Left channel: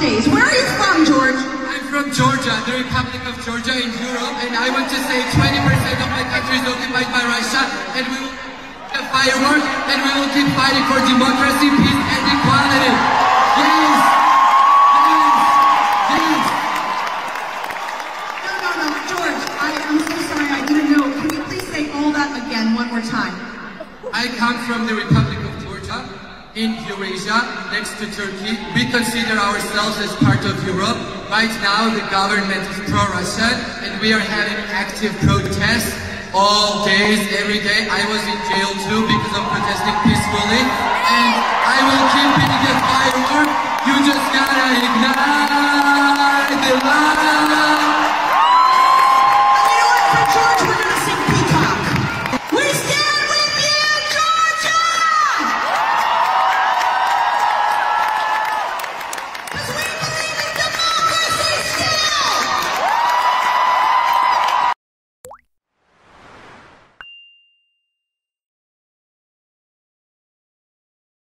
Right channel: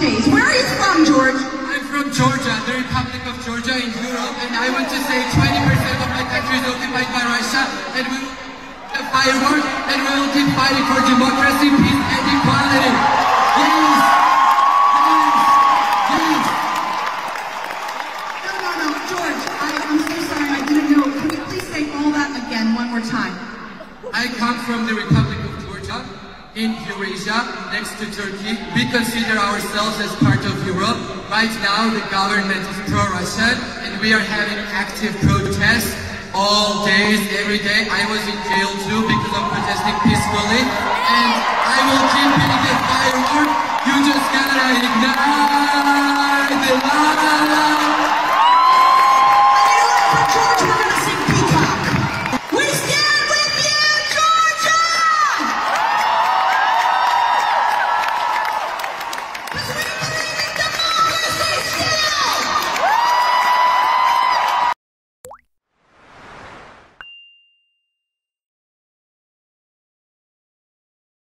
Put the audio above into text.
Where are you from, George? I'm from Georgia, the Republic of Georgia in Europe, and I want to say 20% of the country is occupied by Russia, and we will have fireworks, and we will keep fighting for democracy, peace, and equality. Yes! Yes! Yes! No, George, I'm so sorry, I didn't know. Can you please say all that again one more time? I come from the Republic of Georgia, in Eurasia, next to Turkey. We consider ourselves as part of Europe. Right now, the government is pro-Russian, and we are having active protests all days, every day. I was in jail too because I'm protesting peacefully, and I will keep hitting the firework. You just gotta